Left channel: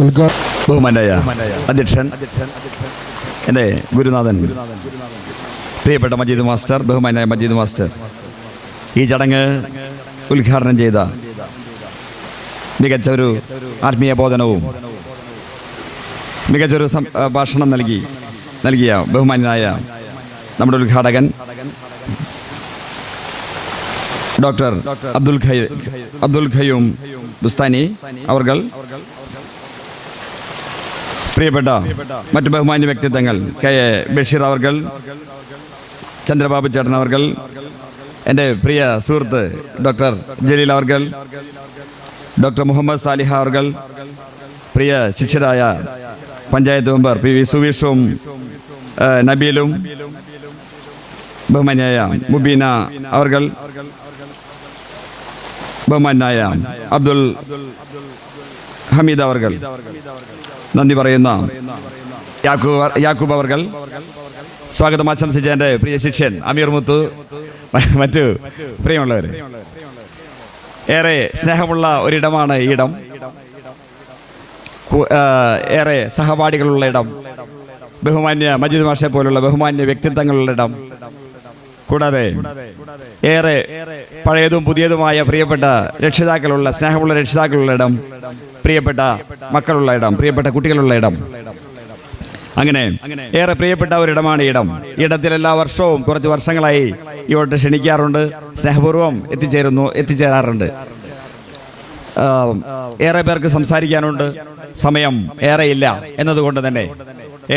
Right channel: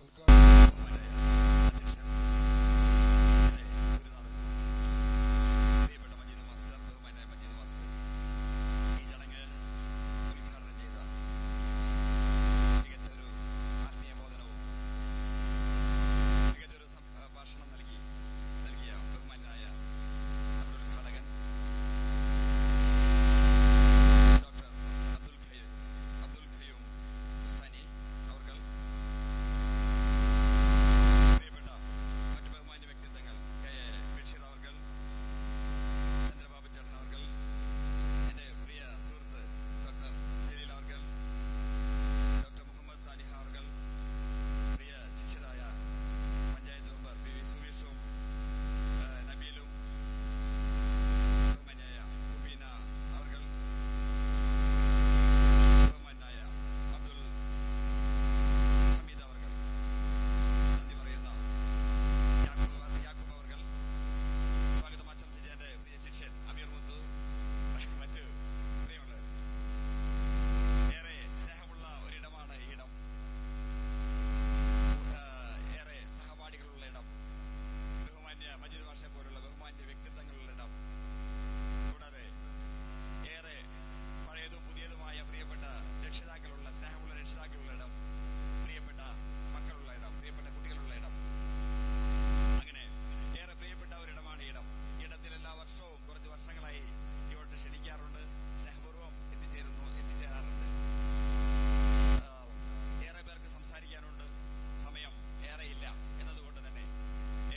ബഹുമാനായ അധ്യക്ഷൻ, എൻ്റെ ഗുരുനാഥൻ പ്രിയപ്പെട്ട മജീദ് മാസ്റ്റർ, ബഹുമാനായ മജീദ് മാസ്റ്റർ, ഈ ചടങ്ങ് ഉദ്ഘാടനം ചെയ്ത മികച്ച ഒരു ആത്മീയ ബോധനവും മികച്ചൊരു ഭാഷണം നൽകിയ ബഹുമാനായ നമ്മുടെ ഉദ്ഘാടകൻ ഡോക്ടർ അബ്ദുൽ ഖയ്യൂം ബുസ്താനി അവർകൾ, പ്രിയപ്പെട്ട മറ്റു ബഹുമാന്യ വ്യക്തിത്വങ്ങൾ കെ എ ബഷീർ അവർകൾ, ചന്ദ്രബാബു ചേട്ടൻ അവർകൾ, എൻ്റെ പ്രിയ സുഹൃത്ത് ഡോക്ടർ ജലീൽ അവർകൾ, ഡോക്ടർ മുഹമ്മദ് സാലിഹ അവർകൾ, പ്രിയ ശിഷ്യരായ പഞ്ചായത്ത് മെമ്പർ പി വി സുവീഷും നബീലും, ബഹുമാന്യായ മുബീന അവർകൾ, ബഹുമാനായ അബ്ദുൽ ഹമീദ് അവർകൾ, നന്ദി പറയുന്ന യാക്കൂബ് അവർകൾ, സ്വാഗതം ആശംസിച്ച എൻ്റെ പ്രിയ ശിഷ്യൻ അമീർ മുത്തു, മറ്റു പ്രിയമുള്ളവർ, ഏറെ സ്നേഹമുള്ള ഒരിടമാണ് ഈ ഇടം, ഏറെ സഹപാഠികളുള്ള ഇടം, ബഹുമാന്യ മജീദ് മാഷെ പോലുള്ള ബഹുമാന്യ വ്യക്തിത്വങ്ങളുള്ള ഇടം, കൂടാതെ ഏറെ പഴയതും പുതിയതുമായ പ്രിയപ്പെട്ട രക്ഷിതാക്കളുള്ള, സ്നേഹമുള്ള രക്ഷിതാക്കളുള്ള ഇടം, പ്രിയപ്പെട്ട മക്കളുള്ള ഇടം, പ്രിയപ്പെട്ട കുട്ടികളുള്ള ഇടം, അങ്ങനെ ഏറെ പ്രിയപ്പെട്ട ഒരിടമാണ് ഇടം. ഇടത്തിൽ എല്ലാ വർഷവും കുറച്ച് വർഷങ്ങളായി ഇവോട്ട് ക്ഷണിക്കാറുണ്ട്, സ്നേഹപൂർവ്വം എത്തിച്ചേരാറുണ്ട്. ഏറെ പേർക്ക് സംസാരിക്കാനുണ്ട്, സമയം ഏറെയില്ല എന്നതുകൊണ്ട് തന്നെ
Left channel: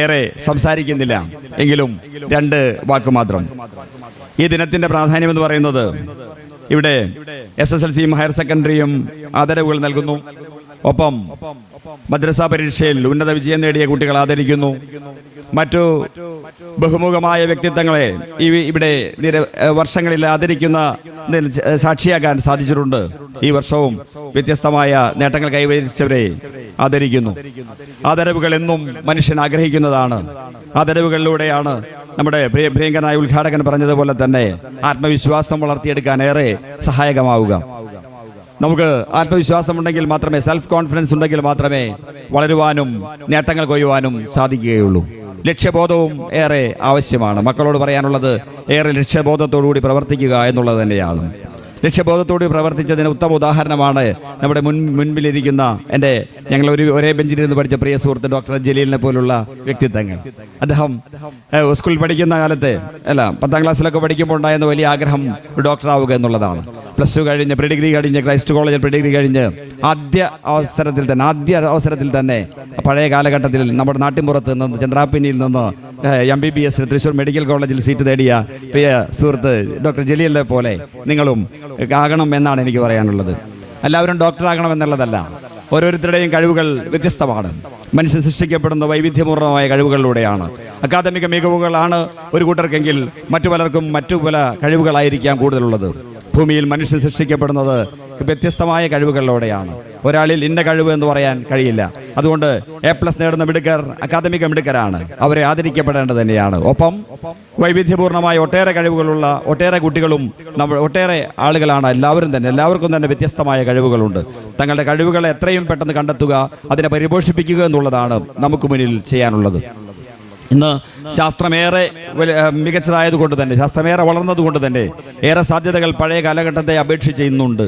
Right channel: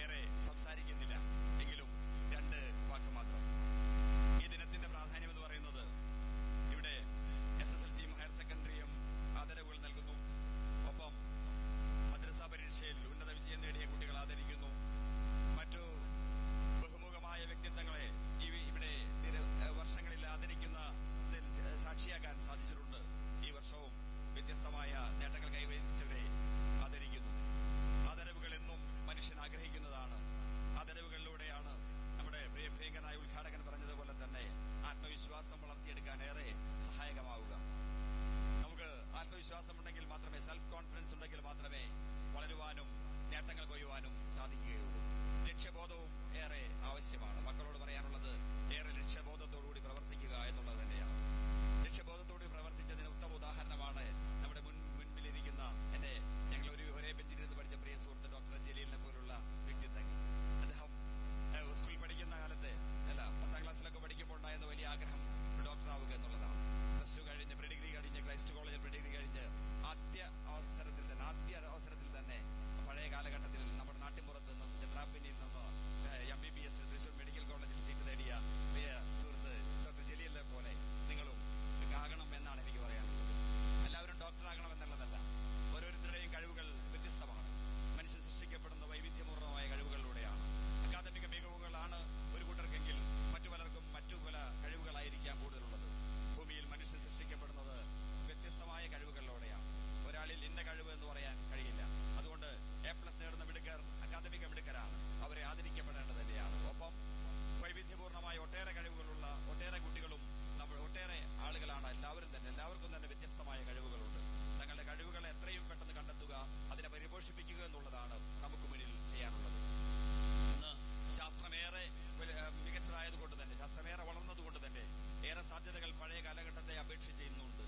ഏറെ സംസാരിക്കുന്നില്ല. എങ്കിലും രണ്ട് വാക്ക് മാത്രം. ഈ ദിനത്തിന്റെ പ്രാധാന്യം എന്ന് പറയുന്നത്, ഇവിടെ SSLCയും ഹയർ സെക്കൻഡറിയും ആദരവുകൾ നൽകുന്നു. ഒപ്പം മദ്രസ പരീക്ഷയിൽ ഉന്നത വിജയം നേടിയ കുട്ടികൾ ആദരിക്കുന്നു. മറ്റു ബഹുമുഖമായ വ്യക്തിത്വങ്ങളെ ഇവിടെ വർഷങ്ങളിൽ ആദരിക്കുന്ന സാക്ഷിയാകാൻ സാധിച്ചിട്ടുണ്ട്. ഈ വർഷവും വ്യത്യസ്തമായ നേട്ടങ്ങൾ കൈവരിച്ചവരെ ആദരിക്കുന്നു. ആദരവുകൾ എന്നും മനുഷ്യൻ ആഗ്രഹിക്കുന്നതാണ്. ആദരവുകളിലൂടെയാണ് നമ്മുടെ പ്രിയങ്കരനായ ഉദ്ഘാടകൻ പറഞ്ഞതുപോലെ തന്നെ ആത്മവിശ്വാസം വളർത്തിയെടുക്കാൻ ഏറെ സഹായകമാവുക. നമുക്ക് ആത്മവിശ്വാസം ഉണ്ടെങ്കിൽ മാത്രമേ, സെൽഫ് കോൺഫിഡൻസ് ഉണ്ടെങ്കിൽ മാത്രമേ വളരുവാനും നേട്ടങ്ങൾ കൊയ്യുവാനും സാധിക്കുകയുള്ളൂ. ലക്ഷ്യബോധവും ഏറെ ആവശ്യമാണ്. മക്കളോട് പറയാനുള്ളത് ഏറെ ലക്ഷ്യബോധത്തോടുകൂടി പ്രവർത്തിക്കുക എന്നുള്ളത് തന്നെയാണ്. ലക്ഷ്യബോധത്തോട് പ്രവർത്തിച്ചതിന് ഉത്തമ ഉദാഹരണമാണ് നമ്മുടെ മുൻപിലിരിക്കുന്ന ഞങ്ങൾ ഒരേ ബെഞ്ചിലിരുന്ന് പഠിച്ച പ്രിയ സുഹൃത്ത് ഡോക്ടർ ജലീലിനെ പോലുള്ള വ്യക്തിത്വങ്ങൾ. അദ്ദേഹം സ്കൂളിൽ പഠിക്കുന്ന കാലത്ത് 10ാം ക്ലാസ്സിലൊക്കെ പഠിക്കുമ്പോൾ ഉണ്ടായിരുന്ന വലിയ ആഗ്രഹം ഡോക്ടർ ആവുക എന്നുള്ളതാണ്. +2 കഴിഞ്ഞ് പ്രീഡിഗ്രി കഴിഞ്ഞ് ക്രൈസ്റ്റ് കോളേജിൽ പ്രീഡിഗ്രി കഴിഞ്ഞ് ആദ്യ അവസരത്തിൽ തന്നെ പഴയ കാലഘട്ടത്തിൽ നമ്മുടെ നാട്ടിൻപുറത്ത് നിന്ന് ചന്ദ്രാപ്പിന്നിയിൽ നിന്ന് MBBS തൃശ്ശൂർ മെഡിക്കൽ കോളേജിൽ സീറ്റ് നേടിയ പ്രിയ സുഹൃത്ത് ഡോക്ടർ ജലീലിനെ പോലെ നിങ്ങളും ആകണം എന്നാണ് എനിക്ക് പറയാനുള്ളത്. എല്ലാവരും ഡോക്ടറാകണം എന്നുള്ളതല്ല. ഓരോരുത്തരുടെയും കഴിവുകൾ വ്യത്യസ്തമാണ്. മനുഷ്യൻ സൃഷ്ടിക്കപ്പെടുന്ന വൈവിധ്യപൂർണ്ണമായ കഴിവുകളിലൂടെയാണ്. അക്കാദമിക മികവുകളാണ് ഒരു കൂട്ടർക്കെങ്കിൽ മറ്റു പലർക്കും മറ്റു പല കഴിവുകളായിരിക്കാം കൂടുതലുള്ളത്. ഭൂമിയിൽ മനുഷ്യൻ സൃഷ്ടിക്കപ്പെടുന്നത് വ്യത്യസ്തമായ കഴിവുകളിലൂടെയാണ്. ഒരാളിൽ ഇന്ന കഴിവ് എന്ന് പറയാൻ കഴിയില്ല. അതുകൊണ്ട് A+ നേടുന്ന മിടുക്കർ അക്കാദമിക മിടുക്കരാണ്. അവരെ ആദരിക്കപ്പെടേണ്ടത് തന്നെയാണ്. ഒപ്പം വൈവിധ്യപൂർണ്ണമായ ഒട്ടേറെ കഴിവുകളുള്ള ഒട്ടേറെ കുട്ടികളും ഒട്ടേറെ ആളുകളാണ്. എല്ലാവർക്കും തന്നെ വ്യത്യസ്തമായ കഴിവുകളുണ്ട്. തങ്ങളുടെ കഴിവുകളെ എത്രയും പെട്ടെന്ന് കണ്ടെത്തുക, അതിനെ പരിപോഷിപ്പിക്കുക എന്നുള്ളതാണ് നമുക്ക് മുന്നിൽ ചെയ്യാനുള്ളത്. ഇന്ന് ശാസ്ത്രമേറെ മികച്ചതായതുകൊണ്ട് തന്നെ, ശാസ്ത്രമേറെ വളർന്നതുകൊണ്ട് തന്നെ ഏറെ സാധ്യതകൾ പഴയ കാലഘട്ടത്തെ അപേക്ഷിച്ച് ഇന്നുണ്ട്.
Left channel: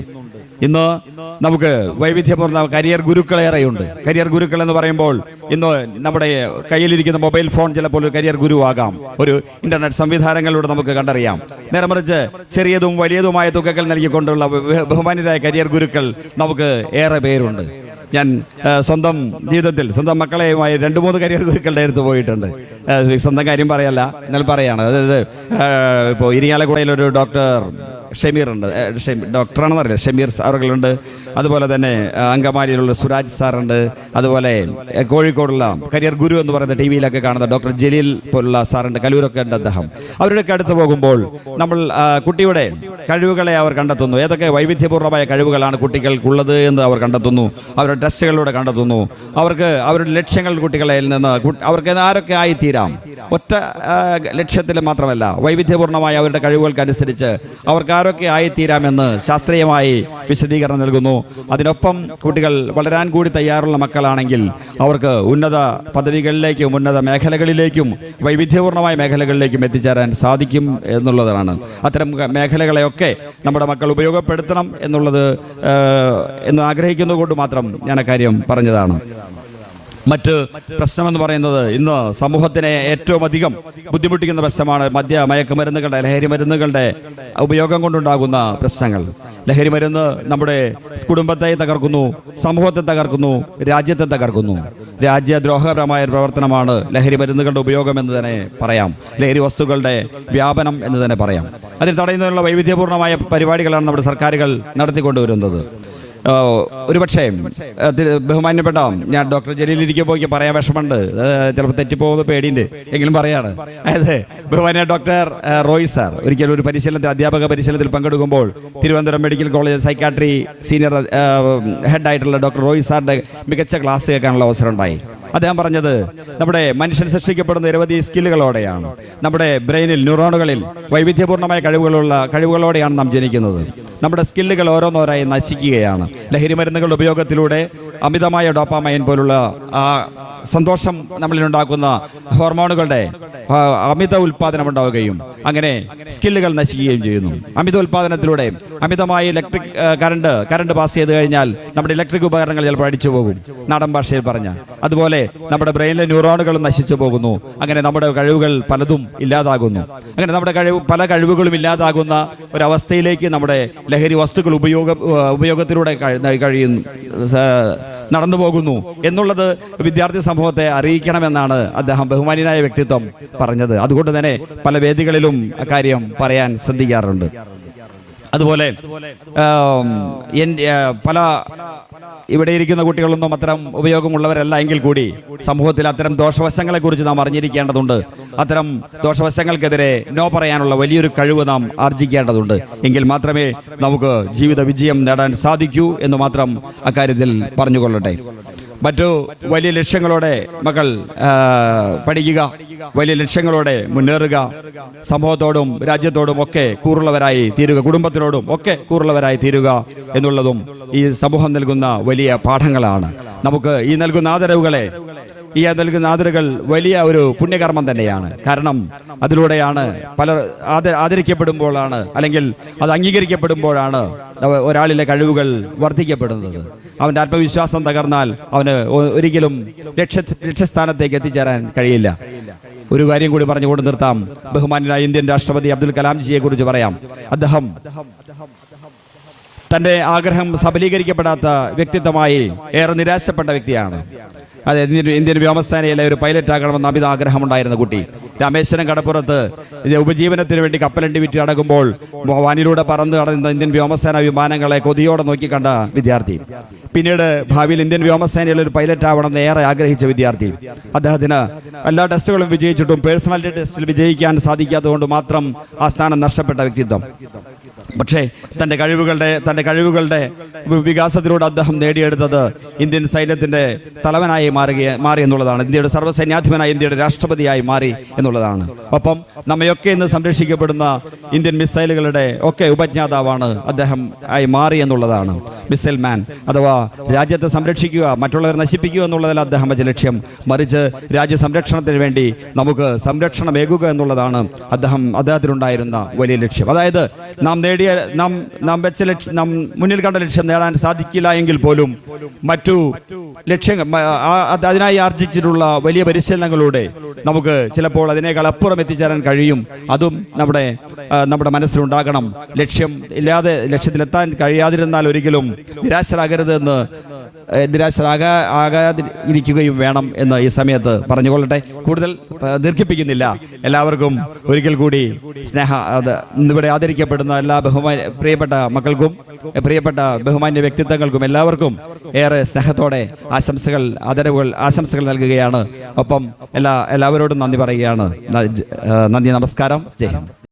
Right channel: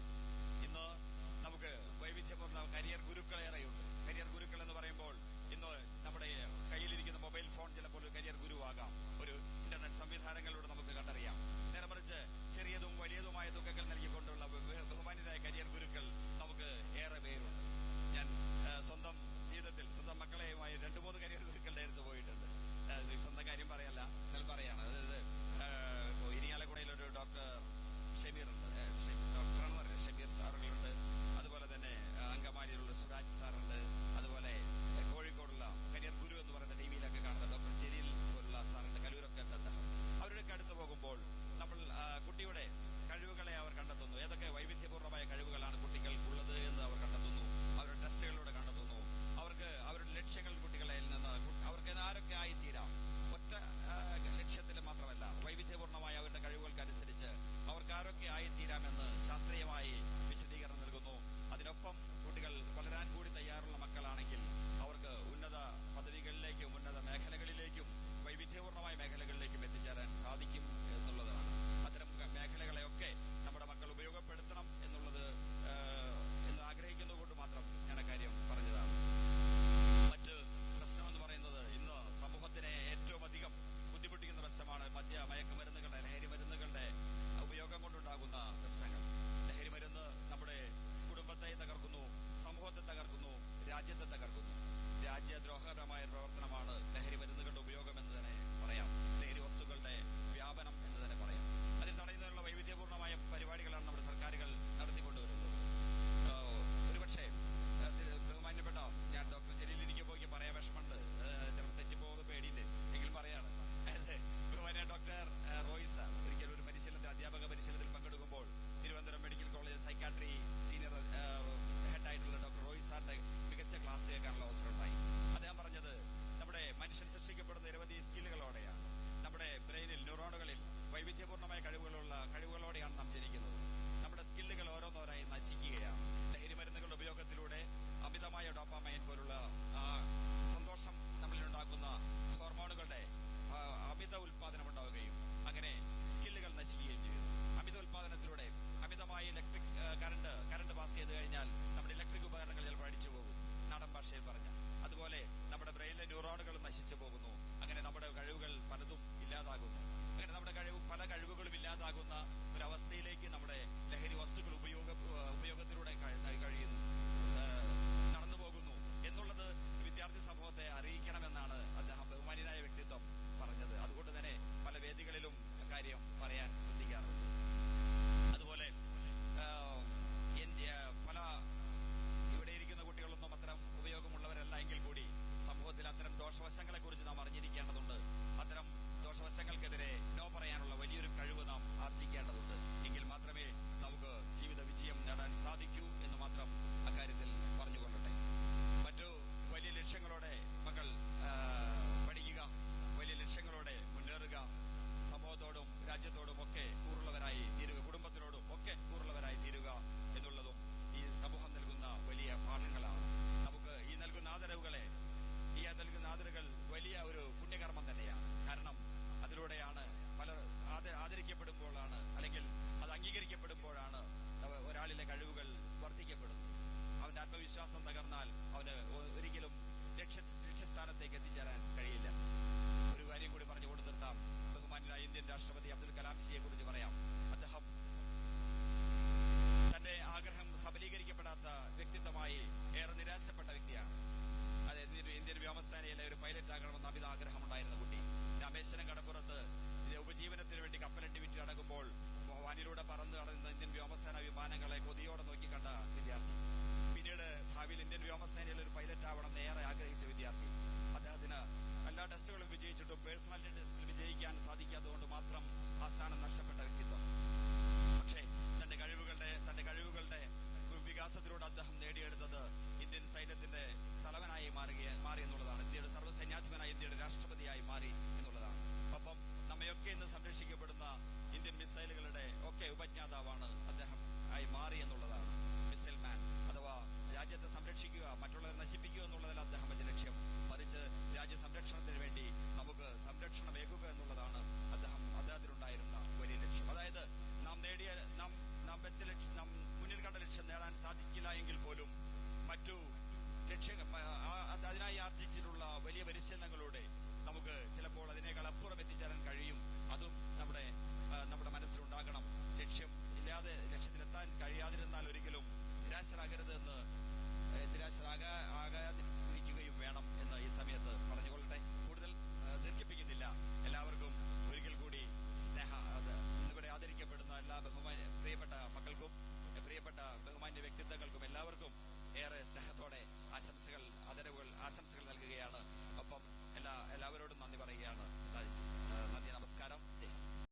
ഇന്ന് നമുക്ക് വൈവിധ്യപൂർണ്ണ കരിയർ ഗുരുക്കളേറെയുണ്ട്. കരിയർ ഗുരുക്കൾ എന്ന് പറയുമ്പോൾ ഇന്ന് നമ്മുടെ കയ്യിലിരിക്കുന്ന മൊബൈൽ ഫോൺ ചിലപ്പോൾ ഒരു കരിയർ ഗുരുവാകാം. ഒരു ഇന്റർനെറ്റ് സംവിധാനങ്ങളിലൂടെ നമുക്ക് കണ്ടറിയാം. നേരെ മറിച്ച് ചെറിയതും വലിയതുമായ തുകകൾ നൽകിക്കൊണ്ടുള്ള ബഹുമാന്യരായ കരിയർ ഗുരുക്കൾ നമുക്ക് ഏറെ പേരുണ്ട്. ഞാൻ സ്വന്തം ജീവിതത്തിൽ സ്വന്തം മക്കളെയുമായി 2-3 കരിയർ ഗുരുക്കളുടെ അടുത്ത് പോയിട്ടുണ്ട്. സ്വന്തം കാര്യം പറയല്ല, എന്നാൽ പറയാണ്. അതായത് ഇപ്പോൾ ഇരിങ്ങാലക്കുടയിലൊരു ഡോക്ടർ ഷമീർ ഉണ്ട്, ഡോക്ടറാണെന്ന് അറിയില്ല, ഷമീർ സാറുകളുണ്ട്. അതുപോലെ തന്നെ അങ്കമാലിയിലുള്ള സുരാജ് സാറുണ്ട്. അതുപോലെ കോഴിക്കോടുള്ള കരിയർ ഗുരു എന്ന് പറയുന്ന TV-യിലൊക്കെ കാണുന്ന ഡോക്ടർ ജലീൽ പോലുള്ള സാറുണ്ട്. കലൂരൊക്കെ ഉണ്ട് അദ്ദേഹം. അവരുടെയൊക്കെ അടുത്ത് പോകുമ്പോൾ നമ്മൾ കുട്ടിയുടെ കഴിവുകളെ അവർ കണ്ടെത്തുന്നു. ഏതൊക്കെ വൈവിധ്യപൂർണ്ണമായ കഴിവുകളാണ് കുട്ടികൾക്കുള്ളത് എന്ന് അവർ കണ്ടെത്തുന്നു. അവരുടെ ടെസ്റ്റുകളിലൂടെ കണ്ടെത്തുന്നു. അവരുടെ ലക്ഷ്യങ്ങൾ കുട്ടികളെ നിന്ന് അവർക്ക് ആരൊക്കെ ആയിത്തീരാം. ഒറ്റ ലക്ഷ്യത്തിൽ മാത്രമല്ല, വൈവിധ്യപൂർണ്ണമായ അവരുടെ കഴിവുകൾക്കനുസരിച്ച് അവർക്ക് ആരൊക്കെ ആയിത്തീരാമെന്ന് ശാസ്ത്രീയമായി വിശദീകരണം നൽകുന്നു. അതിനൊപ്പം കുട്ടികൾ വളരാൻ കൂടി തയ്യാറുള്ള മക്കളാണെങ്കിൽ അവർക്ക് ഉന്നത പദവികളിലേക്കും ഉന്നത മേഖലകളിലേക്കും വൈവിധ്യപൂർണമായ മേഖലകളിലേക്കും എത്തിച്ചേരാൻ സാധിക്കും എന്നുള്ളതാണ്. അത്തരം മേഖലകളെയൊക്കെ നമ്മുടെ മക്കൾ ഉപയോഗപ്പെടുത്തണം എന്ന് ആഗ്രഹിക്കുന്നത് കൊണ്ട് മാത്രം ഞാൻ അക്കാര്യം പറഞ്ഞതാണ്. മറ്റ് പ്രശ്നമെന്ന് പറയുന്നത് ഇന്ന് സമൂഹത്തിനെ ഏറ്റവും അധികം ബുദ്ധിമുട്ടിക്കുന്ന പ്രശ്നമാണ് മയക്കുമരുന്നുകളുടെ ലഹരി മരുന്നുകളുടെ ഉപയോഗം കൊണ്ടുണ്ടാകുന്ന പ്രശ്നങ്ങൾ. ലഹരി മരുന്ന് നമ്മുടെ കുടുംബത്തെ തകർക്കുന്നു, സമൂഹത്തെ തകർക്കുന്നു, രാജ്യത്തെ തകർക്കുന്നു. രാജ്യദ്രോഹപരമായ പ്രവർത്തനമാണ് ലഹരി മരുന്നുകളുടെ ഉപയോഗം എന്ന് തന്നെ പറയാം. ലഹരി വസ്തുക്കളുടെ വ്യാപനം എന്ന് തന്നെ പറയാം. അതിന് തടയുന്നതിനുള്ള വൈവിധ്യപൂർണമായ പരിപാടികളാണ് നമ്മുടെ സർക്കാരുകൾ നടത്തിക്കൊണ്ടുവരുന്നത്. ഒരുപക്ഷേ ബഹുമാന്യപ്പെട്ട ഞാൻ ഡോക്ടർ ജലീലിരിക്കുമ്പോൾ എനിക്ക് പറയാൻ വിഷമമുണ്ട്, ചിലപ്പോൾ തെറ്റിപ്പോകുന്ന പേടിയുണ്ട്, എങ്കിലും പറയാണ്. അതായത് ബഹുമാന്യ ഡോക്ടർ റോയ് സാർ ഒരിക്കലും ഒരു അധ്യാപക പരിശീലനത്തിൽ പങ്കെടുക്കുമ്പോൾ Thiruvananthapuram medical college psychiatry senior ഹെഡായിട്ടുള്ള ഡോക്ടർ റോയ് സാറിൻ്റെ മികച്ച ക്ലാസ് കേൾക്കാനുള്ള അവസരം ഉണ്ടായി. അദ്ദേഹം പറഞ്ഞത് നമ്മുടെ മനുഷ്യൻ സൃഷ്ടിക്കപ്പെടുന്ന നിരവധി സ്കില്ലുകളോടെയാണ്. നമ്മുടെ ബ്രെയിനിൽ ന്യൂറോണുകളിൽ വൈവിധ്യപൂർണമായ കഴിവുകളോടെയാണ് നാം ജനിക്കുന്നത്. നമ്മുടെ സ്കില്ലുകൾ ഓരോന്നോരായി നശിക്കുകയാണ്. ലഹരി മരുന്നുകളുടെ ഉപയോഗത്തിലൂടെ അമിതമായ ഡോപ്പാമൈൻ പോലുള്ള സന്തോഷം നമ്മളിലുണ്ടാക്കുന്ന ഹോർമോണുകളുടെ അമിത ഉൽപാദനം ഉണ്ടാവുകയും അങ്ങനെ സ്കില്ലുകൾ നശിക്കുകയും ചെയ്യുന്നു. അമിത ഉൽപാദനത്തിലൂടെ അമിതമായി കറണ്ട് പാസ് ചെയ്ത് കഴിഞ്ഞാൽ നമ്മുടെ ഇലക്ട്രിക് ഉപകരണങ്ങൾ ചിലപ്പോൾ അടിച്ചു പോകും, നാടൻ ഭാഷയിൽ പറഞ്ഞാൽ. അതുപോലെ നമ്മുടെ ബ്രെയിനിലെ ന്യൂറോണുകളും നശിച്ചു പോകുന്നു. അങ്ങനെ നമ്മുടെ കഴിവുകൾ പലതും ഇല്ലാതാകുന്നു. അങ്ങനെ നമ്മുടെ പല കഴിവുകളും ഇല്ലാതാകുന്ന ഒരവസ്ഥയിലേക്ക് നമ്മുടെ ലഹരി വസ്തുക്കൾ ഉപയോഗത്തിലൂടെ നടന്നു പോകുന്നു എന്നുള്ളത് വിദ്യാർത്ഥി സമൂഹത്തെ അറിയിക്കണമെന്നാണ് അദ്ദേഹം ബഹുമാന്യനായ വ്യക്തിത്വം പറഞ്ഞത്. അതുകൊണ്ട് തന്നെ പല വേദികളിലും അക്കാര്യം പറയാൻ ശ്രദ്ധിക്കാറുണ്ട്. അതുപോലെ ഇവിടെ ഇരിക്കുന്ന കുട്ടികളൊന്നും അത്തരം ഉപയോഗമുള്ളവരല്ല എങ്കിൽ കൂടി സമൂഹത്തിൽ അത്തരം ദോഷവശങ്ങളെക്കുറിച്ച് നാം അറിഞ്ഞിരിക്കേണ്ടതുണ്ട്. അത്തരം ദോഷവശങ്ങൾക്കെതിരെ നോ പറയാനുള്ള വലിയൊരു കഴിവ് നാം ആർജിക്കേണ്ടതുണ്ട്. എങ്കിൽ മാത്രമേ നമുക്ക് ജീവിത വിജയം നേടാൻ സാധിക്കൂ എന്ന് മാത്രം അക്കാര്യത്തിൽ പറഞ്ഞുകൊള്ളട്ടെ. മറ്റു വലിയ ലക്ഷ്യങ്ങളോടെ മക്കൾ പഠിക്കുക, വലിയ ലക്ഷ്യങ്ങളോടെ മുന്നേറുക, സമൂഹത്തോടും രാജ്യത്തോടും ഒക്കെ കൂറുള്ളവരായി തീരുക, കുടുംബത്തിനോടും ഒക്കെ കൂറുള്ളവരായി തീരുക എന്നുള്ളതും ഈ സമൂഹം നൽകുന്ന വലിയ പാഠങ്ങളാണ്. നമുക്ക് ഈ നൽകുന്ന ആദരവുകൾ വലിയ ഒരു പുണ്യകർമ്മം തന്നെയാണ്. കാരണം അതിലൂടെയാണ് ആദരിക്കപ്പെടുമ്പോഴാണ് അല്ലെങ്കിൽ അത് അംഗീകരിക്കപ്പെടുമ്പോഴാണ് ഒരാളിലെ കഴിവുകൾ വർദ്ധിക്കപ്പെടുന്നത്. അവൻ്റെ ആത്മവിശ്വാസം തകർന്നാൽ അവന് ഒരിക്കലും ലക്ഷ്യസ്ഥാനത്തേക്ക് എത്തിച്ചേരാൻ കഴിയില്ല. ഒരു കാര്യം കൂടി പറഞ്ഞുകൊണ്ട് നിർത്താം. ബഹുമാന്യനായ ഇന്ത്യൻ രാഷ്ട്രപതി അബ്ദുൽ കലാം ജിയെ കുറിച്ച് പറയാം. അദ്ദേഹം തൻ്റെ ആഗ്രഹം സബലീകരിക്കപ്പെടാത്ത വ്യക്തിത്വമായി ഏറെ നിരാശപ്പെട്ട വ്യക്തിയാണ്. അതെ, ഇന്ത്യൻ വ്യോമസേനയിലെ ഒരു പൈലറ്റ് ആകണമെന്ന് അമിത ആഗ്രഹമുണ്ടായിരുന്ന കുട്ടി. രാമേശ്വരം കടപ്പുറത്ത് ഉപജീവനത്തിന് വേണ്ടി കപ്പലണ്ടി വിറ്റ് അടക്കുമ്പോൾ വാനിലൂടെ പറന്ന് കടന്ന ഇന്ത്യൻ വ്യോമസേന വിമാനങ്ങളെ കൊതിയോടെ നോക്കിക്കണ്ട വിദ്യാർത്ഥി. പിന്നീട് ഭാവിയിൽ ഇന്ത്യൻ വ്യോമസേനയിൽ ഒരു പൈലറ്റ് ആവണമെന്ന് ഏറെ ആഗ്രഹിച്ച വിദ്യാർത്ഥി. അദ്ദേഹത്തിന് എല്ലാ ടെസ്റ്റുകളും വിജയിച്ചിട്ടും പേഴ്സണാലിറ്റി ടെസ്റ്റിൽ വിജയിക്കാൻ സാധിക്കാത്തതുകൊണ്ട് മാത്രം ആ സ്ഥാനം നഷ്ടപ്പെട്ട വ്യക്തിത്വം. പക്ഷേ തൻ്റെ കഴിവുകളുടെ വികാസത്തിലൂടെ അദ്ദേഹം നേടിയെടുത്തത് ഇന്ത്യൻ സൈന്യത്തിൻ്റെ തലവനായി മാറി എന്നുള്ളതാണ്. ഇന്ത്യയുടെ സർവ്വസൈന്യാധിപനായി ഇന്ത്യയുടെ രാഷ്ട്രപതിയായി മാറി എന്നുള്ളതാണ്. ഒപ്പം നമ്മയൊക്കെ ഇന്ന് സംരക്ഷിക്കപ്പെടുന്ന ഇന്ത്യൻ മിസൈലുകളുടെ ഒക്കെ ഉപജ്ഞാതാവാണ് അദ്ദേഹം ആയി മാറി എന്നുള്ളതാണ്. മിസൈൽ മാൻ അഥവാ രാജ്യത്തെ സംരക്ഷിക്കുക, മറ്റുള്ളവരെ നശിപ്പിക്കുക എന്നുള്ളതല്ല അദ്ദേഹത്തിൻ്റെ ലക്ഷ്യം. മറിച്ച് രാജ്യ സംരക്ഷണത്തിന് വേണ്ടി നമുക്ക് സംരക്ഷണമേകുക എന്നുള്ളതാണ് അദ്ദേഹത്തിനുണ്ടായിരുന്ന വലിയ ലക്ഷ്യം. അതായത് നാം മുന്നിൽ കണ്ട ലക്ഷ്യം നേടാൻ സാധിക്കില്ല എങ്കിൽ പോലും മറ്റു ലക്ഷ്യങ്ങൾ അതിനായി ആർജിച്ചിട്ടുള്ള വലിയ പരിശീലനങ്ങളിലൂടെ നമുക്ക് ചിലപ്പോൾ അതിനേക്കാൾ അപ്പുറം എത്തിച്ചേരാൻ കഴിയും. അതും നമ്മുടെ മനസ്സിലുണ്ടാകണം. ലക്ഷ്യത്തിലെത്താൻ കഴിയാതിരുന്നാൽ ഒരിക്കലും നിരാശരാകാതിരിക്കുകയും വേണം എന്ന് ഈ സമയത്ത് പറഞ്ഞുകൊള്ളട്ടെ. കൂടുതൽ ദീർഘിപ്പിക്കുന്നില്ല. എല്ലാവർക്കും ഒരിക്കൽ കൂടി ഇവിടെ ആദരിക്കപ്പെടുന്ന എല്ലാ പ്രിയപ്പെട്ട മക്കൾക്കും പ്രിയപ്പെട്ട ബഹുമാന്യ വ്യക്തിത്വങ്ങൾക്കും എല്ലാവർക്കും ഏറെ സ്നേഹത്തോടെ ആശംസകൾ നൽകുകയാണ്. ഒപ്പം എല്ലാവരോടും നന്ദി പറയുകയാണ്. നന്ദി, നമസ്കാരം, ജയ് ഹിന്ദ്.